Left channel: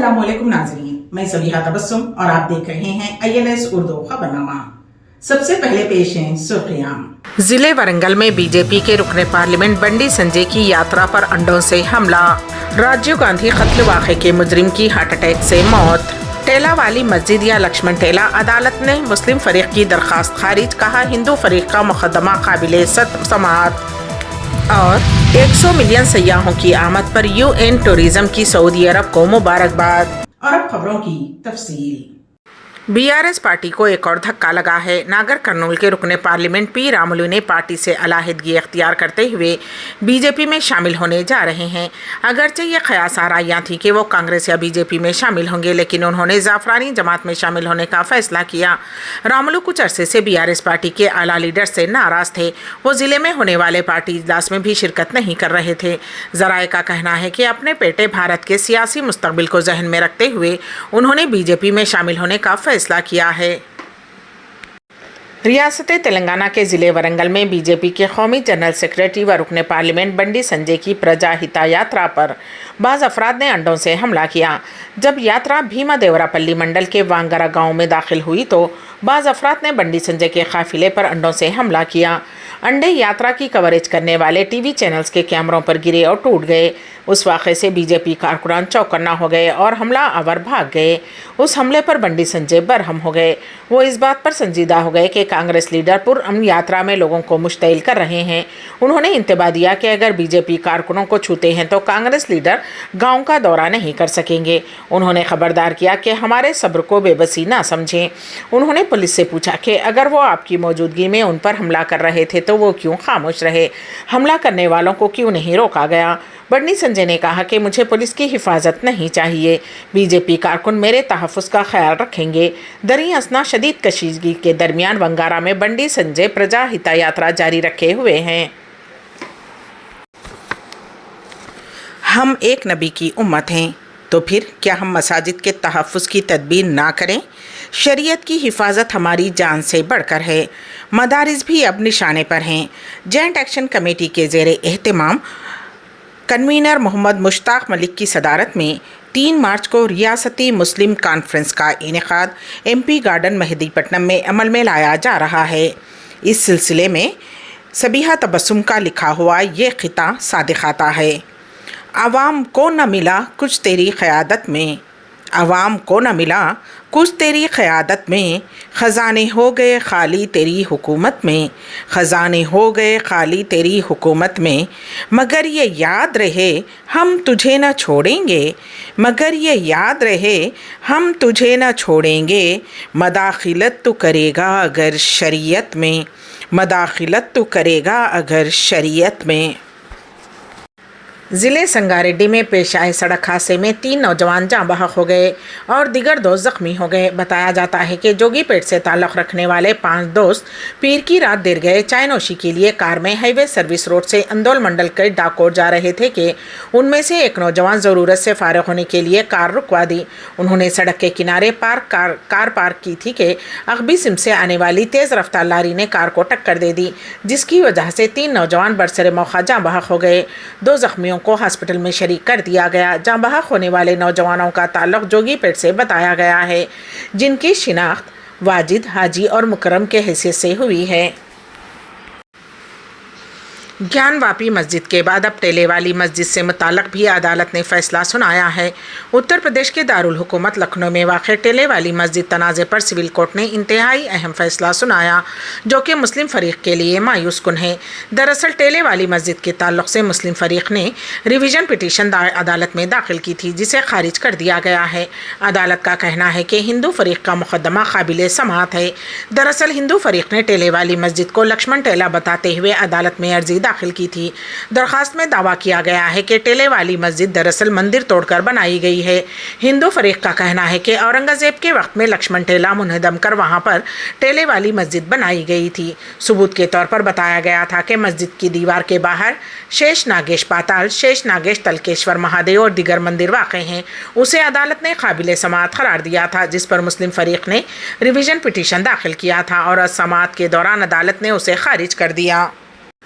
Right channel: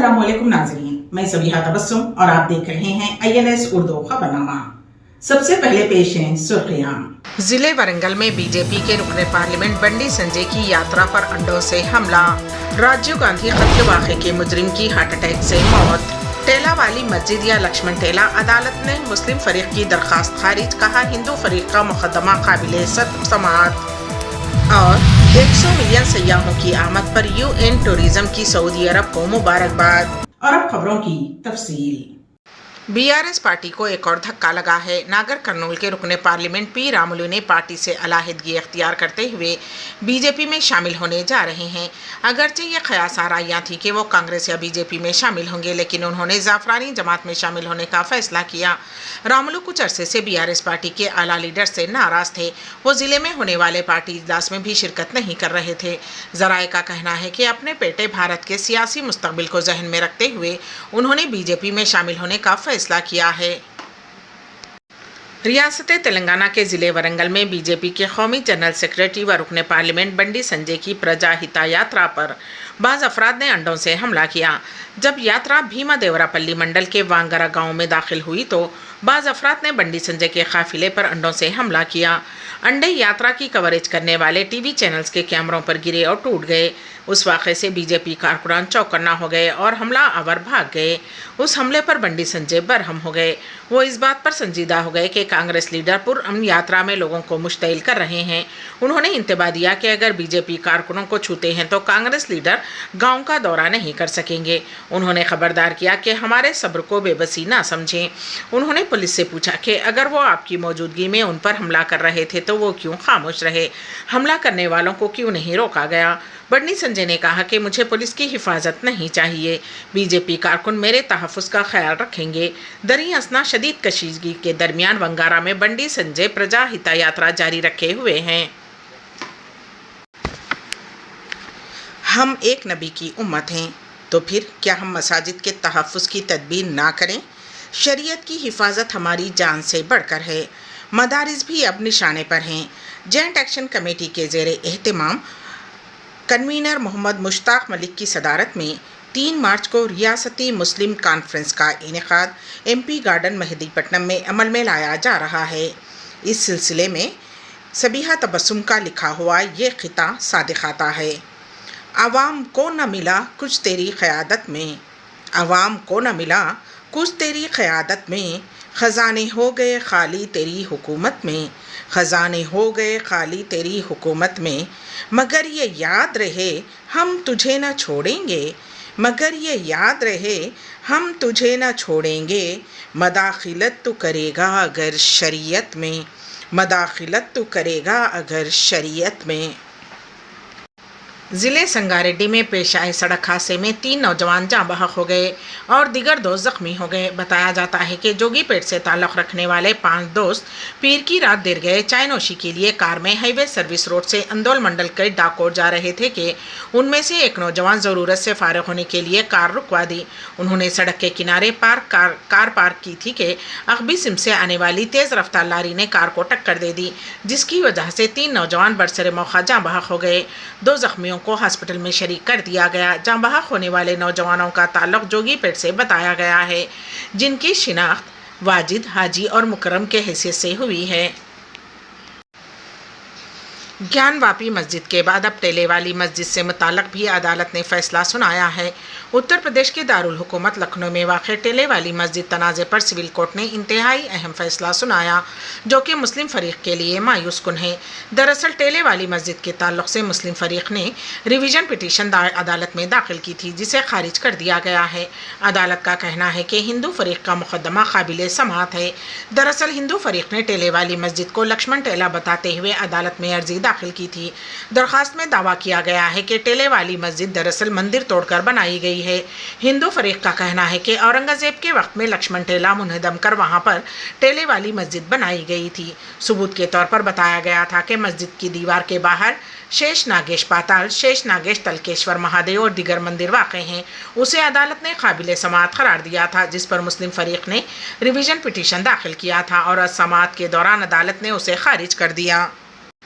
अस्सलाम वालेकुम नाज़रीन, मैं सबीहा तबस्सुम और आप देख रहे हैं INS उर्दू खबरनामा। सबसे पहले पेश हैं सुर्खियां। जिले वरंगल में बीजेपी के रुकने पार्लियामेंट बंडी संजय की यात्रा पर अंडों से हमला। राजीव गांधी कत्ल वाक़े के मुजरिम की हार्ट अटैक से मौत। टेला वाली मस्जिद या लक्ष्मण टेला, अदालत ने मुस्लिम फरीक की दरखास्त खारिज, कहा हिंदू फरीक का मुकदमा काबिले समाअत। और 100 मिलियन सयाहों की आमद पर UN टूरिज्म की सऊदी अरब को मुबारकबाद। और अब खबरों की तफसील। BRS पार्टी को एक और धक्का लगा है। नागर कर्नूल के रुकने पार्लियामेंट P रामुलु ने पार्टी से अलहदगी अख्तियार करते हुए बीजेपी में शामिल होने जा रहे हैं। अगरचे ये क़यास आराइयाँ थी कि वो कांग्रेस या बीजेपी में शामिल होंगे, लेकिन उन्होंने ज़ाफ़रानी जमात में शामिल होने का फैसला किया। रामुलु कुछ अरसे से BRS पार्टी के आला लीडर से नाराज़ थे। वो ज़िले में होने वाले पार्टी इजलास में भी शिरकत नहीं कर रहे थे। ज़राए का कहना है कि अपने बेटे भारत के सियासी मुस्तकबिल को जहन में रखते हुए उन्होंने बीजेपी में शामिल होने का फैसला किया है। रियासत तेलंगाना के ज़िले वरंगल में बीजेपी के कौमी जनरल सेक्रेटरी व रुकने पार्लियामेंट बंडी संजय की प्रजा हिता यात्रा पर बाज़ अफराद ने अंडों से हमला किया। जब यात्रा भीमा देवरापल्ली मंडल के वांगरा गांव में दाखिल हुई तो बाज़ अफराद ने बंडी संजय के काफिले पर अंडों से हमला किया। अंडे यात्रा की कवरेज करने वाले TV चैनल्स के कैमरों पर गिरे और टूट गए। उस वाक़े से बीजेपी कारकुनान चौकन्ना हो गए और हमला आवर भाग गए। उस हमले पर बंडी संजय बरहम हो गए। वो इस बात पर संजीदा हो गए कि कांग्रेस लीडर पुरअमन यात्रा में लोगों को मुश्तइल कर रहे हैं। उन्होंने इंतबा दिया कि अगर बीजेपी कारकुनों को छूते हैं तो कांग्रेस लीडर गांव का दौरा नहीं कर सकेंगे। उन्होंने खबरदार किया कि हमारे सब्र को बेबसी ना समझें। उन्होंने पुलिस से पूछा कि अगर वो आपकी मौजूदगी में उन पर हमला कर रहे थे तो वो क्यों खामोश रहे, हमला करने वालों को क्यों नहीं रोका गया। बंडी संजय ने कहा कि मुझे पुलिस की हिफाजत नहीं चाहिए, बीजेपी कारकुन मेरे तहफ़्फ़ुज़ का ख्याल रखेंगे। दरी असना शदीद कशीदगी के दरमियान वंगारा में बंडी संजय प्रजा हिता यात्रा जारी रखे हुए हैं। हम एक नबी की उम्मत हैं, तो फिर क्या हम मसाजिद के तहफ़्फ़ुज़ की तदबीर ना करें? शरीयत की हिफाजत हमारी जान से बढ़कर है। मदारिस भी अब निशाने पर हैं। जॉइंट एक्शन कमेटी के ज़ेरे एहतमाम कन्वीनर मोहम्मद मुश्ताक मलिक की सदारत में 3 मार्च को रियासती मुस्लिम कॉन्फ्रेंस का इनेकाद MP गार्डन मेहदीपट्टनम में अमल में लाया जा रहा है। इस सिलसिले में सबीहा तबस्सुम का लिखा हुआ ये खिता सादिक आता है। आवाम को न मिला कुछ तेरी क़यादत में, आवाम को न मिला कुछ तेरी क़यादत में, ख़ज़ाने हो गए खाली तेरी हुकूमत में, ख़ज़ाने हो गए खाली तेरी हुकूमत में। मगर ये याद रहे हम तुझे न छोड़ेंगे, मगर ये याद रहे हम तुझे न छोड़ेंगे। मदाखिलत तो करेगा अगर शरीयत में, मदाखिलत तो करेगा अगर शरीयत में। ज़िले संगारेड्डी में पेश आए सड़क हादसे में 3 नौजवान जाँ बहक हो गए और दिगर 2 ज़ख्मी हो गए। बताया जाता है कि जोगीपेट से ताल्लुक़ रखने वाले 5 दोस्त पीर की रात देर गए चाय नोशी के लिए कार में हाईवे सर्विस रोड से अंदौल मंडल के डाकोर जा रहे थे कि उनमें से एक नौजवान ज़रूरत से फ़ारिग होने के लिए कार रुकवा दी। उन्होंने सड़क के किनारे कार पार्क की थी कि अगबी सिम से आने वाली तेज़ रफ्तार लारी ने कार को टक्कर दे दी, जिसकी वजह से 3 नौजवान बरसरे मौका जाँ बहक हो गए। 2 ज़ख्मियों को हॉस्पिटल में शरीक कर दिया गया। जाँ बहक होने वाले नौजवानों का ताल्लुक़ जोगीपेट से बताया गया है, जिनकी शिनाख्त वाजिद, हाजी और मुकरम के हैसियत से हुई है। ज्ञानवापी मस्जिद के बाद अब टेले वाली मस्जिद से मुताल्लिक़ भी अदालत ने फ़ैसला सुनाया है। उत्तर प्रदेश के दारुल हुकूमत लखनऊ में वाक़ टेले वाली मस्जिद तनाज़े पर सिविल कोर्ट ने इंतहाई अहम फ़ैसला सुनाया, जो कि मुस्लिम फ़रीक़ के लिए मायूस कुन है। दरअसल टेले वाली मस्जिद के ताल्लुक़ से मुस्लिम फ़रीक़ ने रिवीजन पिटीशन अदालत में दाखिल की थी, जिसे खारिज कर दिया गया है। अदालत का कहना है कि हिंदू फ़रीक़ का मुक़दमा काबिले समाअत है। दरअसल हिंदू फ़रीक़ ने टेले वाली मस्जिद को लक्ष्मण टेला बताते हुए अदालत में अर्जी दाखिल की थी। दरखास्त में दावा किया गया है कि टेले वाली मस्जिद दरअसल मंदिर तोड़कर बनाई गई है। हिंदू फरीक का कहना है कि औरंगज़ेब के वक्त में लक्ष्मण टेला मुनहदम कर वहां पर टेले वाली मस्जिद बनाई गई थी। सबूत के तौर पर बताया गया था कि मस्जिद की दीवार के बाहर शेष नागेश पाताल, शेष नागेश तलकेश्वर महादेव और दिगर मंदिर वाक़ हैं। उसे अदालत ने काबिल समाअत करार दिया था, जिस पर मुस्लिम फरीक ने रिवीजन पिटीशन दाखिल किया था और समाअत के दौरान अदालत ने उसे खारिज कर दिया।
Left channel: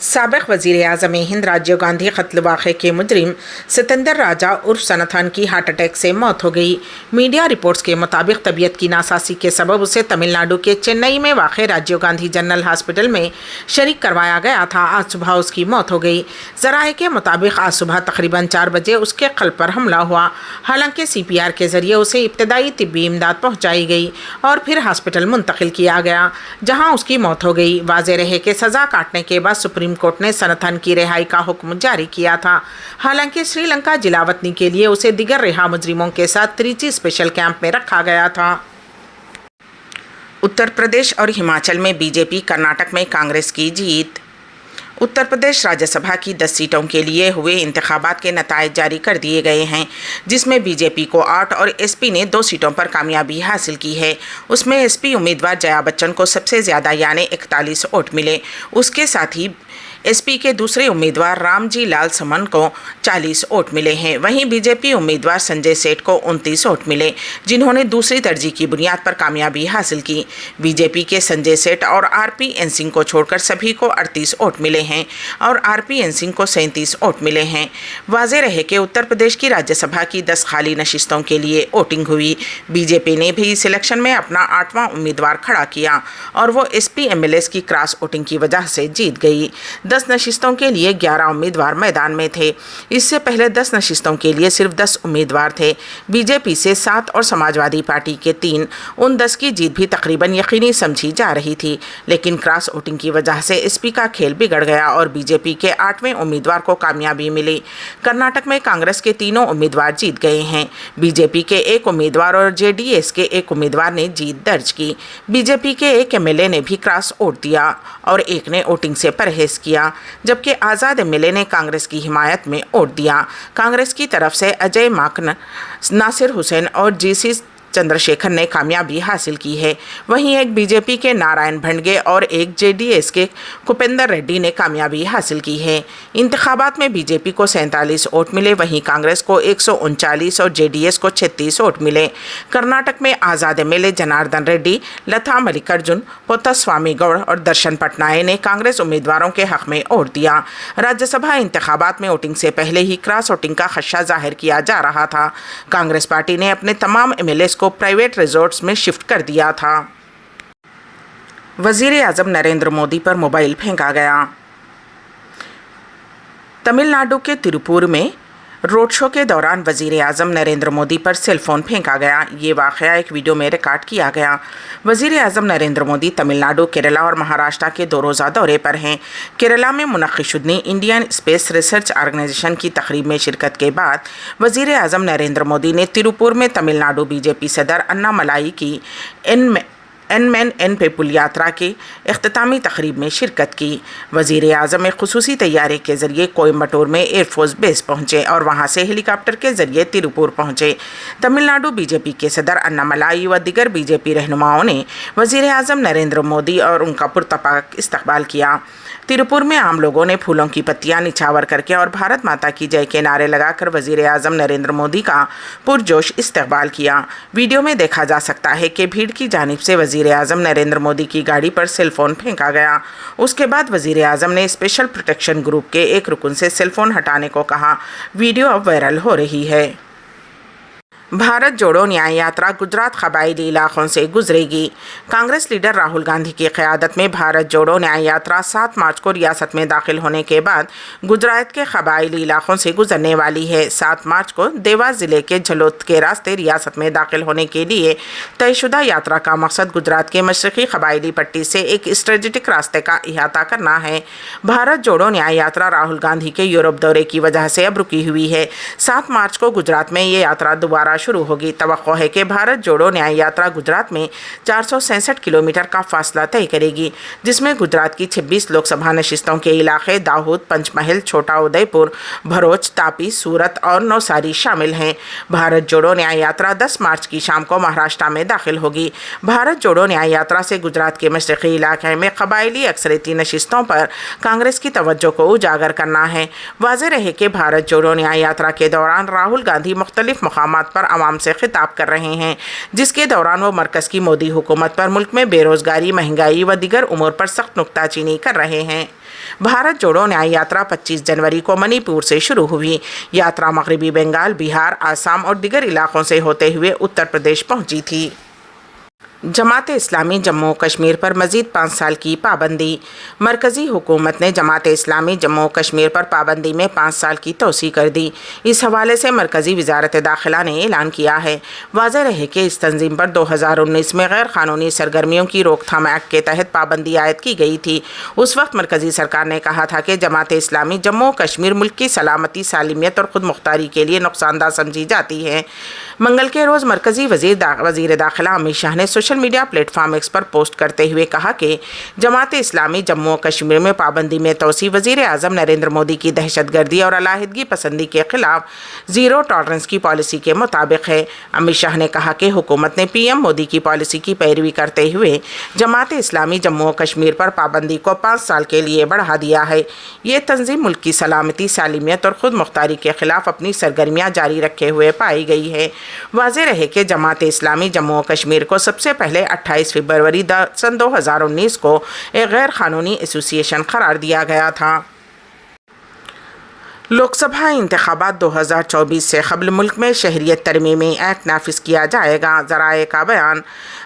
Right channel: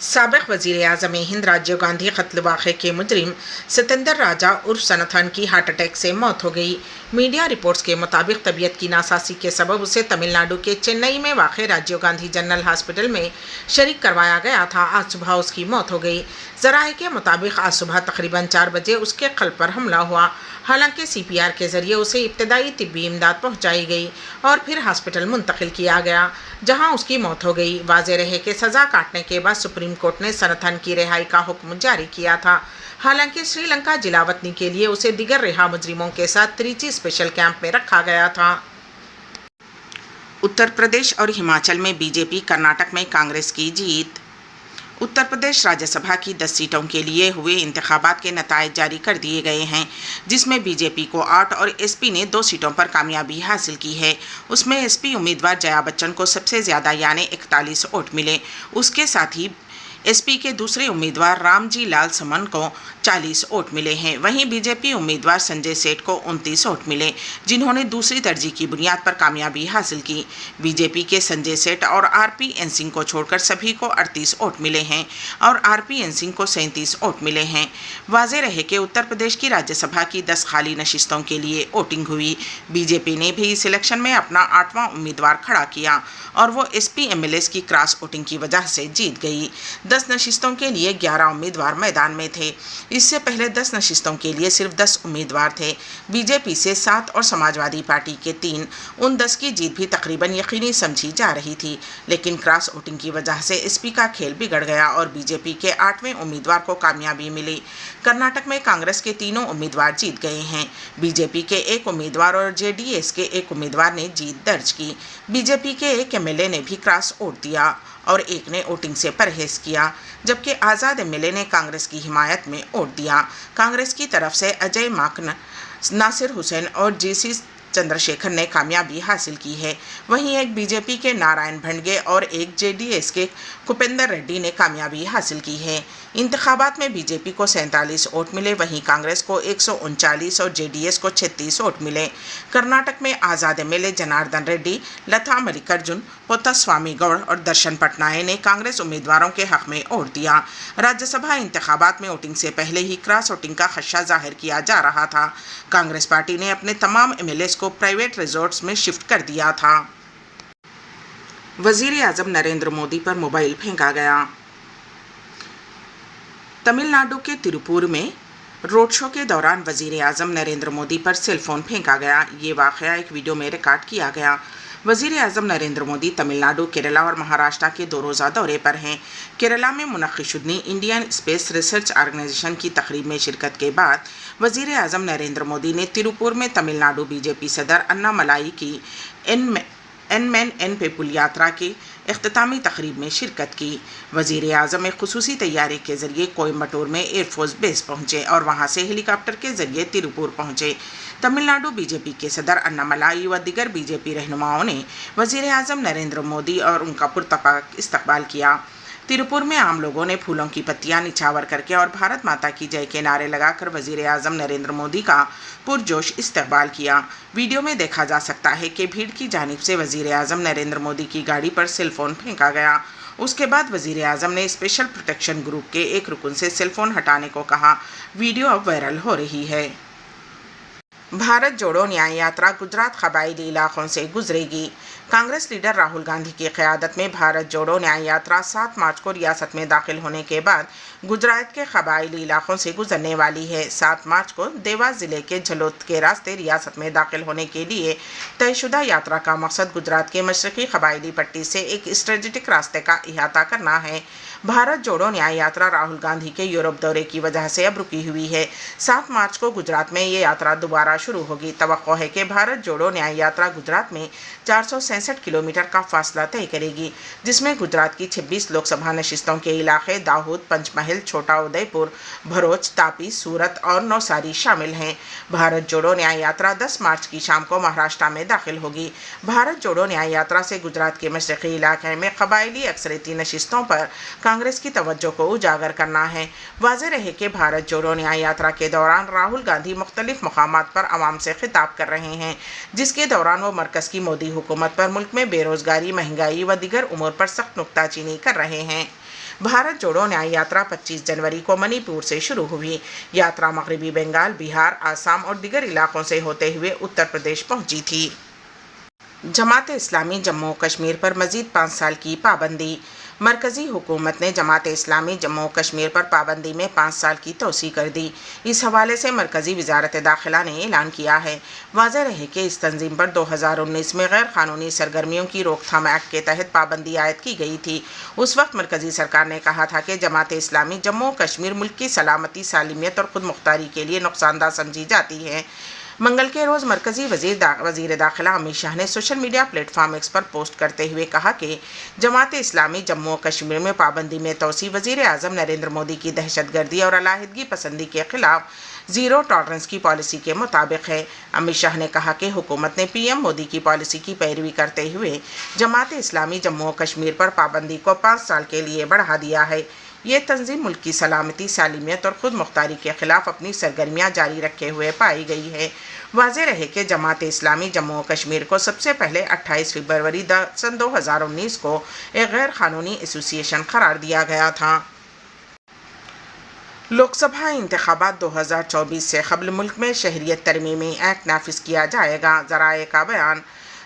साबिक़ वज़ीर-ए-आज़म हिंद राजीव गांधी कत्ल वाक़े के मुजरिम सतेंद्र राजा उर्फ सनाथन की हार्ट अटैक से मौत हो गई। मीडिया रिपोर्ट्स के मुताबिक तबीयत की नासासी के सबब उसे तमिलनाडु के चेन्नई में वाक़ राजीव गांधी जनरल हॉस्पिटल में शरीक करवाया गया था। आज सुबह उसकी मौत हो गई। ज़राए के मुताबिक आज सुबह तकरीबन 4 बजे उसके क़ल्ब पर हमला हुआ। हालांकि CPR के ज़रिए उसे इब्तदाई तिब्बी इमदाद पहुँचाई गई और फिर हॉस्पिटल मुंतकिल किया गया, जहाँ उसकी मौत हो गई। वाज़ेह रहे कि सज़ा काटने के बाद सुप्रीम कोर्ट ने सनाथन की रिहाई का हुक्म जारी किया था। हालांकि श्रीलंका जिलावतनी के लिए उसे दिगर रिहा मुजरिमों के साथ त्रिची स्पेशल कैंप में रखा गया था। उत्तर प्रदेश और हिमाचल में बीजेपी, कर्नाटक में कांग्रेस की जीत। उत्तर प्रदेश राज्यसभा की 10 सीटों के लिए हुए इंतखाबात के नताइज जारी कर दिए गए हैं, जिसमें बीजेपी को 8 और SP ने 2 सीटों पर कामयाबी हासिल की है। उसमें SP उम्मीदवार जया बच्चन को सबसे ज़्यादा यानी 41 वोट मिले। उसके साथ ही SP के दूसरे उम्मीदवार रामजी लाल समन को 40 वोट मिले हैं। वहीं बीजेपी उम्मीदवार संजय सेठ को 29 वोट मिले, जिन्होंने दूसरी तरजीह की बुनियाद पर कामयाबी हासिल की। बीजेपी के संजय सेठ और RPN सिंह को छोड़कर सभी को 38 वोट मिले हैं और RPN सिंह को 37 वोट मिले हैं। वाज़ेह रहे कि उत्तर प्रदेश की राज्यसभा की 10 खाली नशिस्तों के लिए वोटिंग हुई। बीजेपी ने भी इस इलेक्शन में अपना 8वां उम्मीदवार खड़ा किया और वो SP MLAs की क्रॉस वोटिंग की वजह से जीत गई। 10 नशिस्तों के लिए 11 उम्मीदवार मैदान में थे। इससे पहले 10 नशिस्तों के लिए सिर्फ 10 उम्मीदवार थे। बीजेपी से 7 और समाजवादी पार्टी के 3। उन 10 की जीत भी तकरीबन यकीनी समझी जा रही थी, लेकिन क्रॉस वोटिंग की वजह से SP का खेल बिगड़ गया और बीजेपी के 8वें उम्मीदवार को कामयाबी मिली। कर्नाटक में कांग्रेस के तीनों उम्मीदवार जीत गए हैं। बीजेपी के 1 उम्मीदवार और JDS के 1 उम्मीदवार ने जीत दर्ज की। बीजेपी के 1 MLA ने भी क्रॉस वोट दिया और 1 ने वोटिंग से परहेज किया, जबकि आज़ाद MLA ने कांग्रेस की हिमायत में वोट दिया। कांग्रेस की तरफ से अजय माकन, नासिर हुसैन और GC चंद्रशेखर ने कामयाबी हासिल की है। वहीं एक बीजेपी के नारायण भंडगे और एक JDS के कुपेंद्र रेड्डी ने कामयाबी हासिल की है। इंतखाबात में बीजेपी को 47 वोट मिले, वहीं कांग्रेस को 139 और JDS को 36 वोट मिले। कर्नाटक में आज़ाद MLA जनार्दन रेड्डी, लता मल्लिकार्जुन, पोत्तास्वामी गौड़ और दर्शन पटनायक ने कांग्रेस उम्मीदवारों के हक में वोट दिया। राज्यसभा इंतखाबात में वोटिंग से पहले ही क्रॉस वोटिंग का खदशा जाहिर किया जा रहा था। कांग्रेस पार्टी ने अपने तमाम MLAs को प्राइवेट रिजॉर्ट्स में शिफ्ट कर दिया था। वज़ीर-ए-आज़म नरेंद्र मोदी पर मोबाइल फेंका गया। तमिलनाडु के तिरुपुर में रोड शो के दौरान वज़ीर-ए-आज़म नरेंद्र मोदी पर सेल फ़ोन फेंका गया। ये वाक़या एक वीडियो में रिकॉर्ड किया गया। वज़ीर-ए-आज़म नरेंद्र मोदी तमिलनाडु, केरला और महाराष्ट्र के 2 रोज़ा दौरे पर हैं। केरला में मुनक़्क़िशुदनी इंडियन स्पेस रिसर्च ऑर्गेनाइजेशन की तकरीब में शिरकत के बाद वज़ीर-ए-आज़म नरेंद्र मोदी ने तिरुपुर में तमिलनाडु BJP सदर अन्नामलाई की एन पेपुल यात्रा की इख्तितामी तकरीब में शिरकत की। वज़ीर-ए-आज़म एक ख़ुसूसी तैयारे के ज़रिए कोयम्बटूर में एयरफोर्स बेस पहुँचे और वहाँ से हेलीकॉप्टर के ज़रिए तिरुपुर पहुँचे। तमिलनाडु BJP के सदर अन्नामलाई व दिगर BJP रहनुमाओं ने वज़ीर-ए-आज़म नरेंद्र मोदी और उनका पुरतपाक इस्तकबाल किया। तिरुपुर में आम लोगों ने फूलों की पत्तियां निछावर करके और भारत माता की जय के नारे लगाकर वज़ीर-ए-आज़म नरेंद्र मोदी का पुरजोश इस्तकबाल किया। वीडियो में देखा जा सकता है कि भीड़ की जानिब से वज़ीर-ए-आज़म नरेंद्र मोदी की गाड़ी पर सेल फ़ोन फेंका गया। उसके बाद वज़ीर-ए-आज़म ने स्पेशल प्रोटेक्शन ग्रुप के एक रुकन से सेल फ़ोन हटाने को कहा। वीडियो अब वायरल हो रही है। भारत जोड़ो न्याय यात्रा गुजरात कबायली इलाकों से गुजरेगी। कांग्रेस लीडर राहुल गांधी की क़यादत में भारत जोड़ो न्याय यात्रा 7 मार्च को रियासत में दाखिल होने के बाद गुजरात के कबायली इलाकों से गुजरने वाली है। 7 मार्च को देवास ज़िले के झलोद के रास्ते रियासत में दाखिल होने के लिए तयशुदा यात्रा का मकसद गुजरात के मशरक़ी कबायली पट्टी से एक स्ट्रेटेजिक रास्ते का अहाता करना है। भारत जोड़ो न्याय यात्रा राहुल गांधी के यूरोप दौरे की वजह से अब रुकी हुई है। 7 मार्च को गुजरात में ये यात्रा दोबारा शुरू होगी। तवक्को है कि भारत जोड़ो न्याय यात्रा गुजरात में 467 किलोमीटर का फासला तय करेगी, जिसमें गुजरात की 26 लोकसभा नशिस्तों के इलाके दाहोद, पंचमहल, छोटा उदयपुर, भरूच, तापी, सूरत और नवसारी शामिल हैं। भारत जोड़ो न्याय यात्रा 10 मार्च की शाम को महाराष्ट्र में दाखिल होगी। भारत जोड़ो न्याय यात्रा से गुजरात के मशरक़ी इलाके में कबायली अक्सरियती नशिस्तों पर कांग्रेस की तवज्जो को उजागर करना है। वाज़ेह रहे कि भारत जोड़ो न्याय यात्रा के दौरान राहुल गांधी मुख्तलिफ मकामात पर عوام سے خطاب کر رہے ہیں، جس کے دوران وہ مرکز کی مودی حکومت پر ملک میں بے روزگاری، مہنگائی و دیگر امور پر سخت نکتہ چینی کر رہے ہیں۔ بھارت جوڑو نیائے یاترا 25 جنوری کو منی پور سے شروع ہوئی۔ یاترا مغربی بنگال، بہار، آسام اور دیگر علاقوں سے ہوتے ہوئے اتر پردیش پہنچی تھی۔ جماعت اسلامی جموں و کشمیر پر مزید 5 سال کی پابندی۔ مرکزی حکومت نے جماعت اسلامی جموں و کشمیر پر پابندی میں 5 سال کی توسیع کر دی۔ اس حوالے سے مرکزی وزارت داخلہ نے اعلان کیا ہے۔ واضح رہے کہ اس تنظیم پر 2019 میں غیر قانونی سرگرمیوں کی روک تھام ایکٹ کے تحت پابندی عائد کی گئی تھی۔ اس وقت مرکزی سرکار نے کہا تھا کہ جماعت اسلامی جموں و کشمیر ملک کی سلامتی، سالمیت اور خود مختاری کے لیے نقصان دہ سمجھی جاتی ہے۔ منگل کے روز مرکزی وزیر داخلہ امت شاہ نے social media platform X پر پوسٹ کرتے ہوئے کہا کہ جماعت اسلامی جموں و کشمیر میں پابندی میں توسیع وزیر اعظم نریندر مودی کی دہشت گردی اور علیحدگی پسندی کے خلاف زیرو ٹالرنس کی پالیسی کے مطابق ہے۔ امت شاہ نے کہا کہ حکومت نے پی ایم مودی کی پالیسی کی پیروی کرتے ہوئے جماعت اسلامی جموں و کشمیر پر پابندی کو 5 سال کے لیے بڑھا دیا ہے۔ یہ تنظیم ملک کی سلامتی، سالمیت اور خود مختاری کے خلاف اپنی سرگرمیاں جاری رکھے ہوئے پائی گئی ہے۔ واضح رہے کہ جماعت اسلامی جموں و کشمیر کو سب سے پہلے 28 فروری 2019 کو ایک غیر قانونی ایسوسی ایشن قرار دیا گیا تھا۔ لوک سبھا انتخابات 2024 سے قبل ملک میں شہریت ترمیمی ایکٹ نافذ کیا جائے گا۔ ذرائع کا بیان۔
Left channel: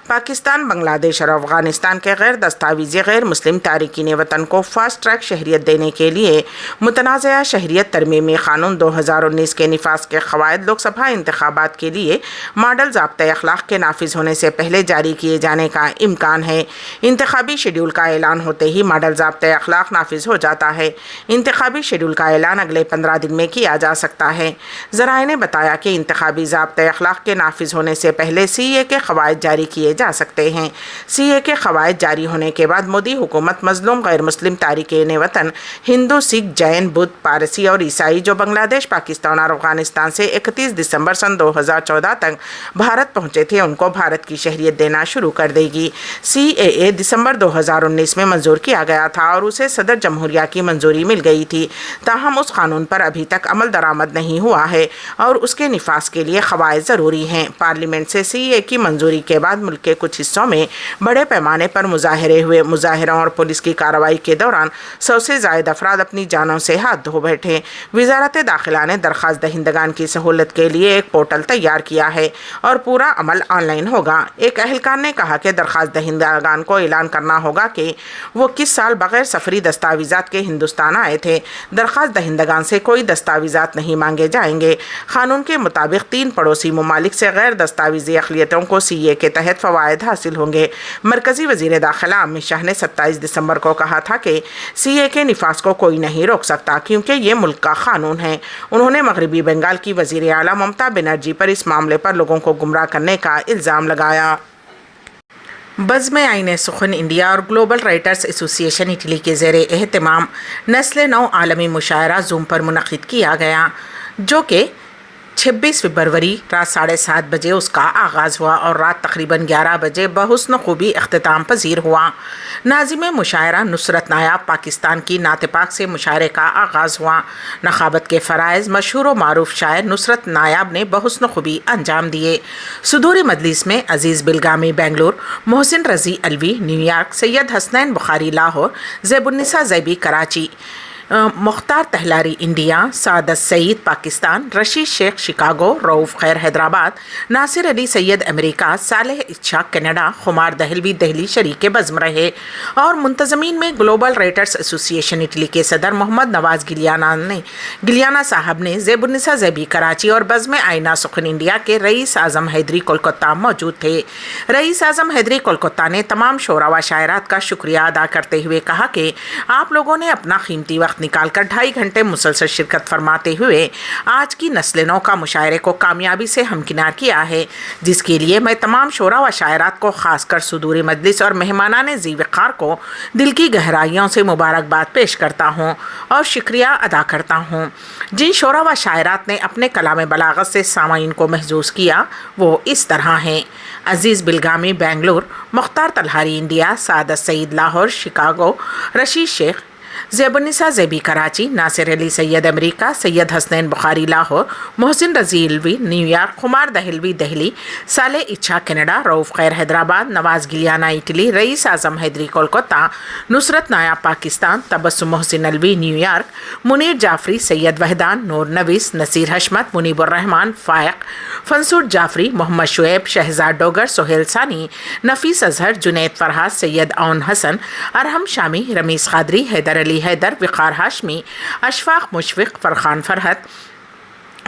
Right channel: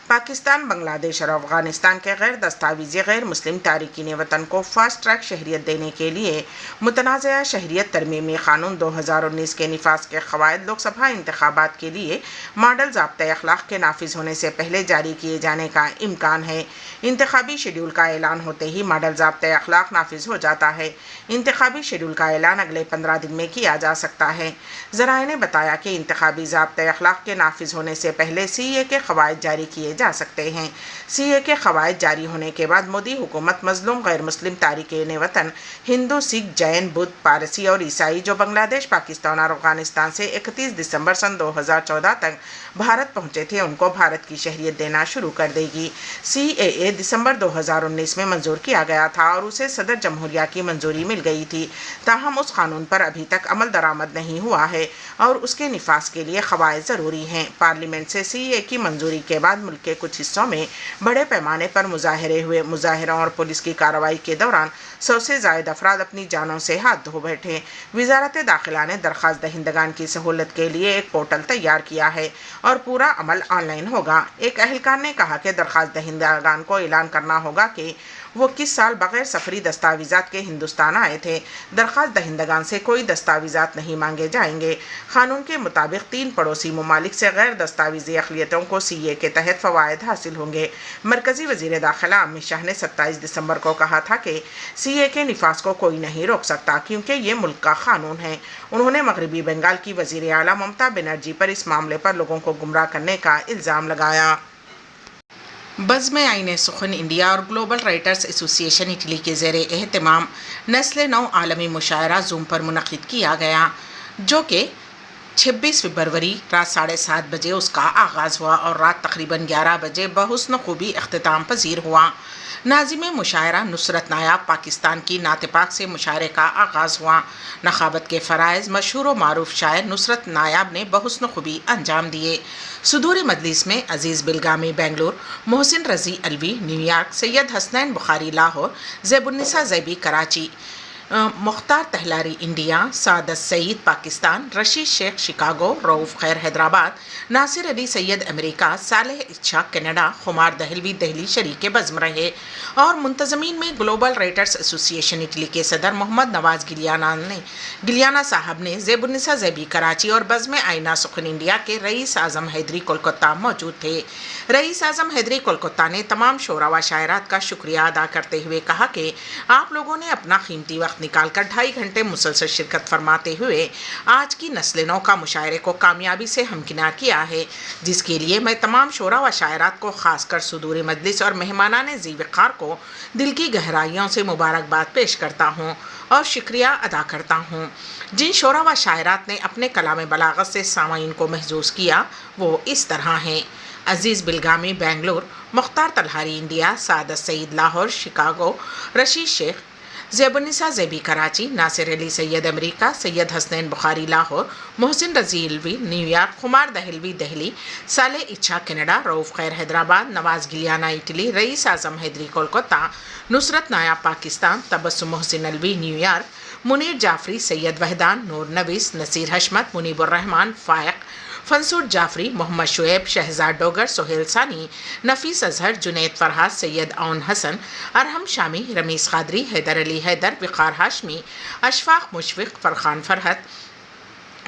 پاکستان، بنگلہ دیش اور افغانستان کے غیر دستاویزی غیر مسلم تارکین وطن کو فاسٹ ٹریک شہریت دینے کے لیے متنازعہ شہریت ترمیمی قانون 2019 کے نفاذ کے قواعد لوک سبھا انتخابات کے لیے ماڈل ضابطۂ اخلاق کے نافذ ہونے سے پہلے جاری کیے جانے کا امکان ہے۔ انتخابی شیڈول کا اعلان ہوتے ہی ماڈل ضابطۂ اخلاق نافذ ہو جاتا ہے۔ انتخابی شیڈول کا اعلان اگلے 15 دن میں کیا جا سکتا ہے۔ ذرائع نے بتایا کہ انتخابی ضابطۂ اخلاق کے نافذ ہونے سے پہلے سی اے کے قواعد جاری کیے جا سکتے ہیں۔ سی اے کے قواعد جاری ہونے کے بعد مودی حکومت مظلوم غیر مسلم تارکین وطن ہندو، سکھ، جین، بدھ، پارسی اور عیسائی جو بنگلہ دیش، پاکستان اور افغانستان سے 31 دسمبر سن 2014 تک بھارت پہنچے تھے، ان کو بھارت کی شہریت دینا شروع کر دے گی۔ سی اے دسمبر 2019 میں منظور کیا گیا تھا اور اسے صدر جمہوریہ کی منظوری مل گئی تھی، تاہم اس قانون پر ابھی تک عمل درآمد نہیں ہوا ہے اور اس کے نفاذ کے لیے قواعد ضروری ہیں۔ پارلیمنٹ سے سی اے کی منظوری کے بعد ملک کے کچھ حصوں میں بڑے پیمانے پر مظاہرے ہوئے۔ مظاہروں اور پولیس کی کارروائی کے دوران 100 سے زائد افراد اپنی جانوں سے ہاتھ دھو بیٹھے۔ وزارت داخلہ نے درخواست دہندگان کی سہولت کے لیے ایک پورٹل تیار کیا ہے اور پورا عمل آن لائن ہوگا۔ ایک اہلکار نے کہا کہ درخواست دہندگان کو اعلان کرنا ہوگا کہ وہ کس سال بغیر سفری دستاویزات کے ہندوستان آئے تھے۔ درخواست دہندگان سے کوئی دستاویزات نہیں مانگے جائیں گے۔ قانون کے مطابق 3 پڑوسی ممالک سے غیر دستاویزی اقلیتوں کو سی اے کے تحت فوائد حاصل ہوں گے۔ مرکزی وزیر داخلہ امت شاہ نے 27 دسمبر کو کہا تھا کہ سی اے کے نفاذ کو کوئی نہیں روک سکتا کیونکہ یہ ملک کا قانون ہے۔ انہوں نے مغربی بنگال کی وزیر اعلیٰ ممتا بنرجی پر اس معاملے پر لوگوں کو گمراہ کرنے کا الزام لگایا۔ بزم آئین سخن انڈیا اور گلوبل رائٹرز ایسوسی ایشن اٹلی کے زیر اہتمام نسل نو عالمی مشاعرہ زوم پر منعقد کیا گیا، جو کہ 26 فروری رات 7:30 بجے اس کا آغاز ہوا اور رات تقریباً 11 بجے بحسن خوبی اختتام پذیر ہوا۔ ناظم مشاعرہ نصرت نایاب پاکستان کی نعت پاک سے مشاعرے کا آغاز ہوا۔ نخابت کے فرائض مشہور و معروف شاعر نصرت نایاب نے بحسن خوبی انجام دیے۔ صدور مجلس میں عزیز بلگامی بنگلور، محسن رضی الوی نیو یارک، سید حسنین بخاری لاہور، زیب النساء زیبی کراچی، مختار تہلاری انڈیا، سعادت سعید پاکستان، رشید شیخ شکاگو، رؤوف خیر حیدرآباد، ناصر علی سید امریکہ، صالح اشاق کینیڈا، خمار دہلوی دہلی شریک بزم رہے اور منتظمین میں گلوبل رائٹرز ایسوسی ایشن اٹلی کے صدر محمد نواز گلیانا صاحب نے، زیب النساء زیبی کراچی اور بزم آئینہ سخن انڈیا کے رئیس اعظم حیدری کولکتہ موجود تھے۔ رئیس اعظم حیدری کولکتہ نے تمام شعراء و شاعرات کا شکریہ ادا کرتے ہوئے کہا کہ آپ لوگوں نے اپنا قیمتی وقت نکال کر 2.5 گھنٹے مسلسل شرکت فرماتے ہوئے آج کی نسل نو کا مشاعرے کو کامیابی سے ہمکنار کیا ہے، جس کے لیے میں تمام شعراء و شاعرات کو خاص کر صدور مجلس اور مہمانان ذی وقار کو دل کی گہرائیوں سے مبارکباد پیش کرتا ہوں اور شکریہ ادا کرتا ہوں۔ جن شعراء و شاعرات نے اپنے کلام بلاغت سے سامعین کو محظوظ کیا وہ اس طرح ہیں: عزیز بلگامی بنگلور، مختار تلہاری انڈیا، سعادت سعید لاہور شکاگو، رشید شیخ ज़ेबुन्निसा ज़ेबी कराची, नासिर अली सैयद अमेरिका, सैयद हसनैन बुखारी लाहौर, मोहसिन रजी इल्वी न्यूयॉर्क, खुमार दहलवी दिल्ली, साले इच्छा कनाडा, रऊफ़ खैर हैदराबाद, नवाज़ गिलियाना इटली, रईस आज़म हैदरी कोलकाता, नुसरत नायाब पाकिस्तान, तबस्सुम मोहसिन अलवी न्यूयॉर्क, मुनीर जाफरी, सैयद वहदान, नूर नवीस, नसीर हशमत, मुनीबुर रहमान फ़ायक, फंसूर जाफरी, मोहम्मद शुएब, शहजाद डोगर, सोहेल सानी, नफीस अजहर, जुनैद फरहाद, सैयद औन हसन, अरहम शामी, रमीस कादरी, हैदर अली हैदर, विकार हाशमी, अशफाक मुशफिक,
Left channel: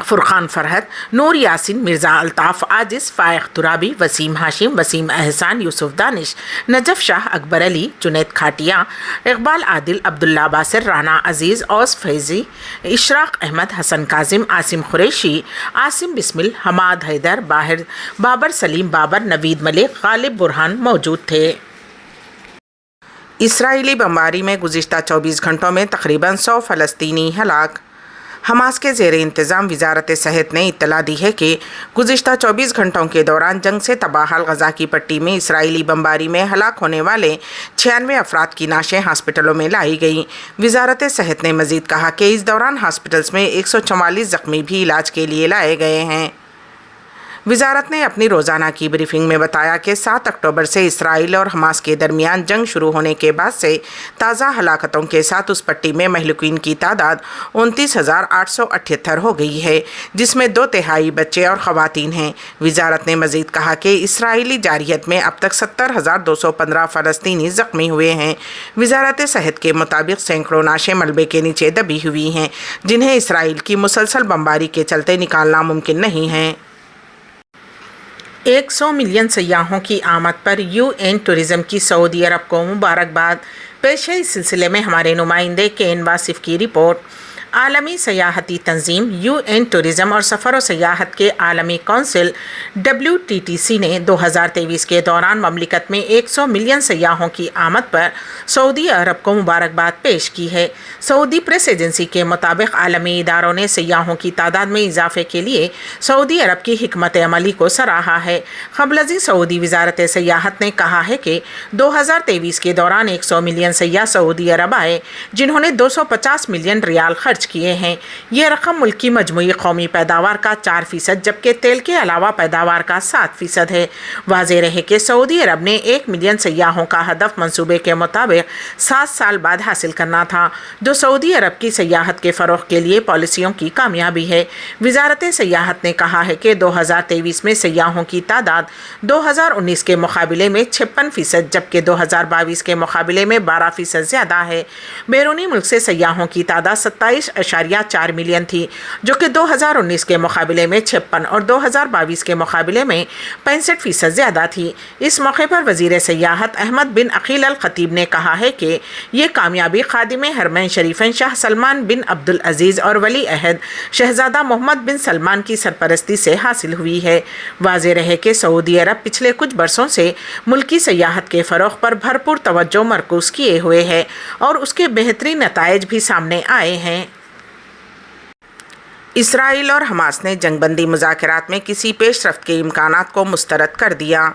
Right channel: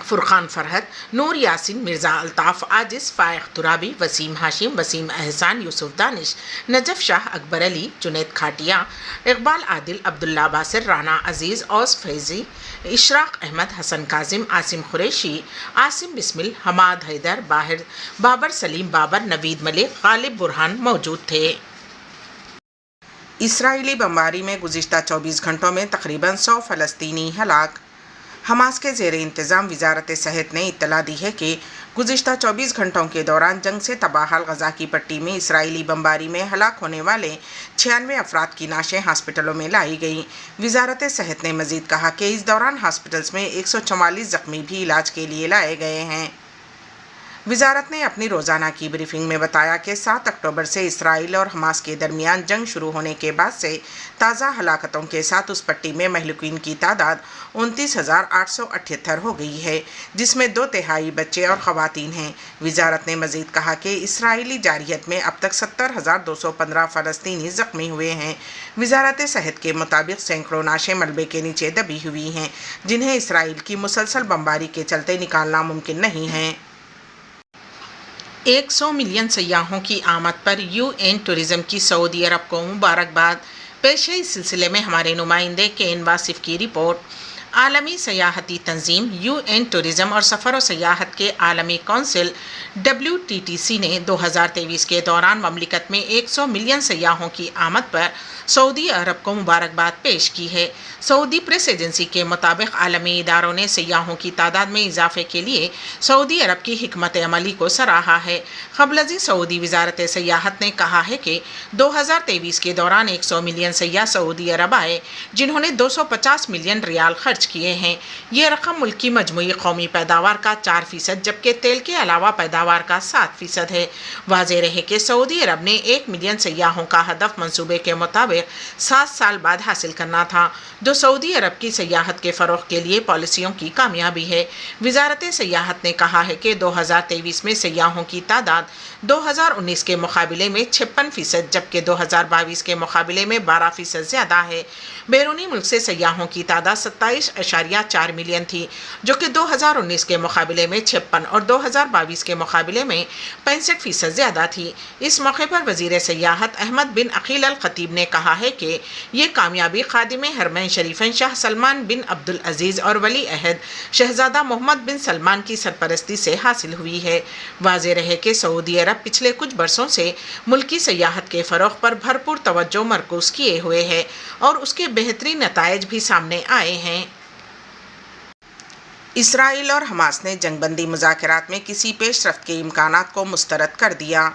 फुरखान फरहत, नूर यासिन, मिर्ज़ा अल्ताफ़ आजिज़, फ़ाइक़ तुराबी, वसीम हाशिम, वसीम एहसान, यूसुफ दानिश, नजफ़ शाह, अकबर अली, जुनैद खाटिया, इकबाल आदिल, अब्दुल्ला बासिर, राना अज़ीज़, औस फैज़ी, इशराक अहमद, हसन काजिम, आसिम खुरैशी, आसिम बिस्मिल, हमाद हैदर, बाबर सलीम बाबर, नवीद मलिक, गालिब बुरहान मौजूद थे। इसराइली बमबारी में गुज़िश्ता 24 घंटों में तकरीबन 100 फ़लस्तीनी हलाक। हमास के ज़ेर इंतज़ाम वजारत सेहत ने इत्तला दी है कि गुज़िश्ता 24 घंटों के दौरान जंग से तबाहल गज़ा की पट्टी में इसराइली बमबारी में हलाक होने वाले 96 अफराद की नाशें हॉस्पिटलों में लाई गई। वजारत सेहत ने मज़ीद कहा कि इस दौरान हॉस्पिटल्स में 144 ज़ख्मी भी इलाज के लिए लाए गए हैं। वजारत ने अपनी रोज़ाना की ब्रीफिंग में बताया कि 7 अक्टूबर से इसराइल और हमास के दरमियान जंग शुरू होने के बाद से ताज़ा हलाकतों के साथ उस पट्टी में महलूकीन की तादाद 29,878 हो गई है, जिसमें 2/3 बच्चे और ख़वातीन हैं। वजारत ने मज़ीद कहा कि इसराइली जारियत में अब तक 70,215 फ़लस्तीनी ज़ख्मी हुए हैं। वजारत सेहत के मुताबिक सैकड़ों नाशें मलबे के नीचे दबी हुई हैं, जिन्हें इसराइल की मुसलसल बमबारी के चलते निकालना मुमकिन नहीं है। 100 मिलियन सयाहों की आमद पर यूएन टूरिज़्म की सऊदी अरब को मुबारकबाद। पेश है इस सिलसिले में हमारे नुमाइंदे केन वासिफ की रिपोर्ट। आलमी सयाहती तंजीम यूएन टूरिज़्म और सफ़र व सयाहत के आलमी कौंसिल WTTC ने 2023 के दौरान ममलिकत में 100 मिलियन सयाहों की आमद पर सऊदी अरब को मुबारकबाद पेश की है। सऊदी प्रेस एजेंसी के मुताबिक आलमी इदारों ने सयाहों की तादाद में इजाफे के लिए सऊदी अरब की हिकमत अमली को सराहा है। क़ब्ल सऊदी वजारत सयाहत ने कहा है कि 2023 के दौरान 100 मिलियन सयाह सऊदी अरब आए, जिन्होंने 250 मिलियन रियाल खर्च किए हैं। यह रकम मुल्क की मजमूई कौमी पैदावार का 4%, जबकि तेल के अलावा पैदावार का 7% है। वाज़ेह रहे कि सऊदी अरब ने 1 मिलियन सयाहों का हदफ मंसूबे के मुताबिक 7 साल बाद हासिल करना था, जो सऊदी अरब की सयाहत के फ़रोग़ के लिए पॉलिसियों की कामयाबी है। वजारत सयाहत ने कहा है कि 2023 में सयाहों की तादाद 2019 के मुकाबले में 56%, जबकि 2022 के मुकाबले में 12% ज़्यादा है। बैरूनी मुल्क से सयाहों की तादाद 27.4 मिलियन थी, जो कि 2019 के मुकाबले में 56 और 2022 के मुकाबले में 65% ज़्यादा थी। इस मौके पर वज़ीर सयाहत अहमद बिन अकील अल खतीब ने कहा है कि ये कामयाबी खादिम हरमैन शरीफैन शाह सलमान बिन अब्दुल अजीज़ और वली अहद शहजादा मोहम्मद बिन सलमान की सरपरस्ती से हासिल हुई है। वाज़ेह रहे कि सऊदी अरब पिछले कुछ बरसों से मुल्की सयाहत के फ़रोग़ पर भरपूर तवज्जो मरकूज़ किए हुए है और उसके बेहतरीन नताइज भी सामने आए हैं। इसराइल और हमास ने जंगबंदी मुज़ाकरात में किसी पेशरफ्त के इम्कानात को मुस्तरद कर दिया।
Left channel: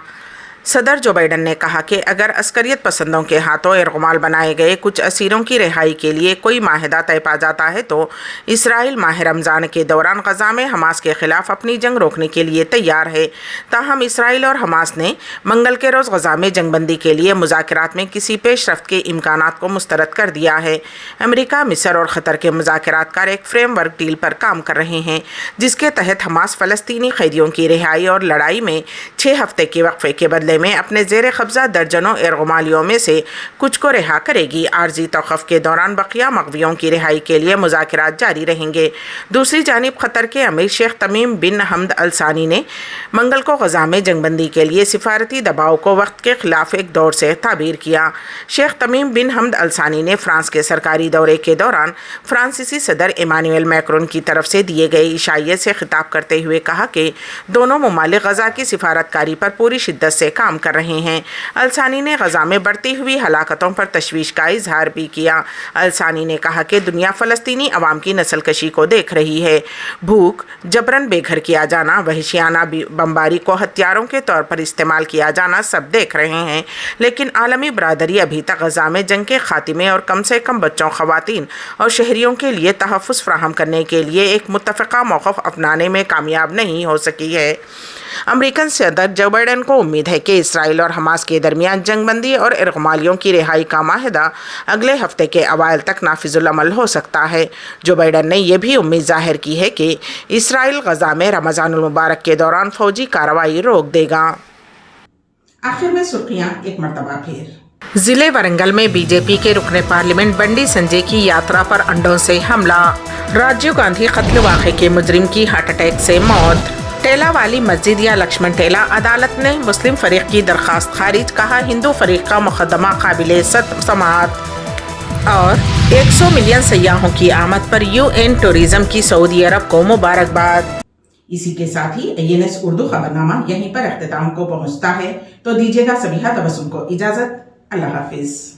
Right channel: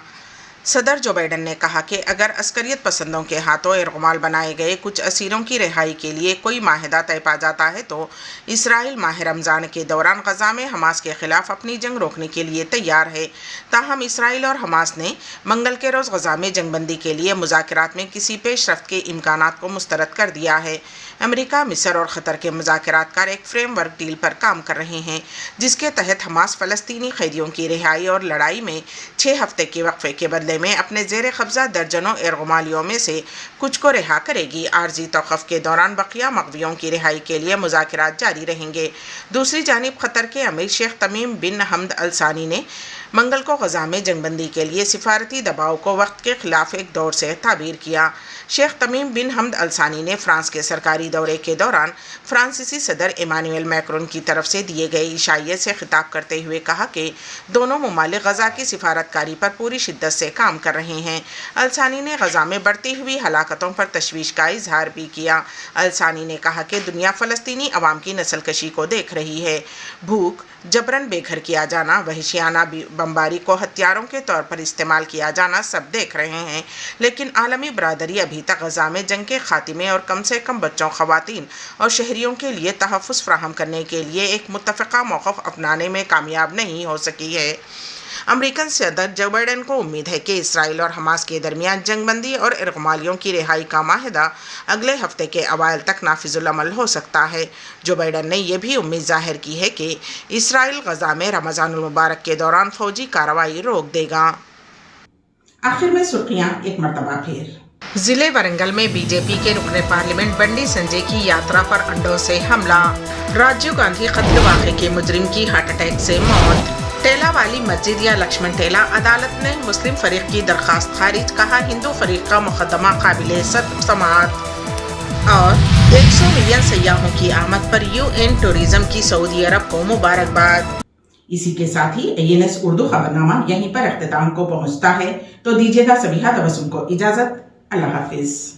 सदर जो बाइडन ने कहा कि अगर अस्करियत पसंदों के हाथों इरगमाल बनाए गए कुछ असीरों की रिहाई के लिए कोई माहिदा तय पा जाता है तो इसराइल माह रमज़ान के दौरान गज़ा में हमास के ख़िलाफ़ अपनी जंग रोकने के लिए तैयार है। ताहम इसराइल और हमास ने मंगल के रोज़ गज़ा में जंगबंदी के लिए मुज़ाकरात में किसी पेशरफ्त के इम्कानात को मुस्तरद कर दिया है। अमेरिका, मिस्र और क़तर के मुज़ाकरातकार एक फ्रेमवर्क डील पर काम कर रहे हैं, जिसके तहत हमास फ़लस्तीनी कैदियों की रिहाई और लड़ाई में 6 हफ्ते के वक्फे के बदले में अपने ज़ेर कब्ज़ा दर्जनों इरगमालियों में से कुछ को रिहा करेगी। आर्जी तौक़ुफ़ के दौरान बकिया मग़वियों की रिहाई के लिए मुज़ाकरात जारी रहेंगे। दूसरी जानिब क़तर के अमीर शेख तमीम बिन हमद अल सानी ने मंगल को गज़ा में जंगबंदी के लिए सिफारती दबाव को वक्त के ख़िलाफ़ एक दौर से ताबीर किया। शेख तमीम बिन हमद अल सानी ने फ्रांस के सरकारी दौरे के दौरान फ्रांसीसी सदर इमानुएल मैक्रोन की तरफ से दिए गए इशाइयत से खिताब करते हुए कहा कि दोनों ममालिक गज़ा की सिफारतकारी पर पूरी शिद्दत से काम کام کر رہے ہیں۔ الثانی نے غزہ میں بڑھتی ہوئی ہلاکتوں پر تشویش کا اظہار بھی کیا۔ الثانی نے کہا کہ دنیا فلسطینی عوام کی نسل کشی کو دیکھ رہی ہے۔ بھوک، جبراً بے گھر کیا جانا، وحشیانہ بمباری کو ہتھیاروں کے طور پر استعمال کیا جانا سب دیکھ رہے ہیں، لیکن عالمی برادری ابھی تک غزہ میں جنگ کے خاتمے اور کم سے کم بچوں، خواتین اور شہریوں کے لیے تحفظ فراہم کرنے کے لیے ایک متفقہ موقف اپنانے میں کامیاب نہیں ہو سکی ہے۔ امریکن صدر جو بائیڈن کو امید ہے کہ اسرائیل اور حماس کے درمیان جنگ بندی اور ارغمالیوں کی رہائی کا معاہدہ اگلے ہفتے کے اوائل تک نافذ العمل ہو سکتا ہے۔ جو بائیڈن نے یہ بھی امید ظاہر کی ہے کہ اسرائیل غزہ میں رمضان المبارک کے دوران فوجی کارروائی روک دے گا۔ آخر میں سرخیاں ایک مرتبہ پھر۔ ضلع ورنگل میں بی جے پی کے رکن پارلیمنٹ بنڈی سنجے کی یاترا پر انڈوں سے حملہ۔ راجیو گاندھی قتل واقعے کے مجرم کی ہارٹ اٹیک سے موت۔ ٹیلا والی مسجد یا لکشمن ٹیلا، عدالت نے مسلم فریق کی درخواست خارج، کہا ہندو فریق کا مقدمہ قابل سماعت۔ اور 100 ملین سیاحوں کی آمد پر UN ٹورزم کی سعودی عرب کو مبارکباد۔ اسی کے ساتھ ہی INS اردو خبرنامہ یہیں پر اختتام کو پہنچتا ہے، تو دیجیے گا سبیحہ تبسم کو اجازت۔ اللہ حافظ۔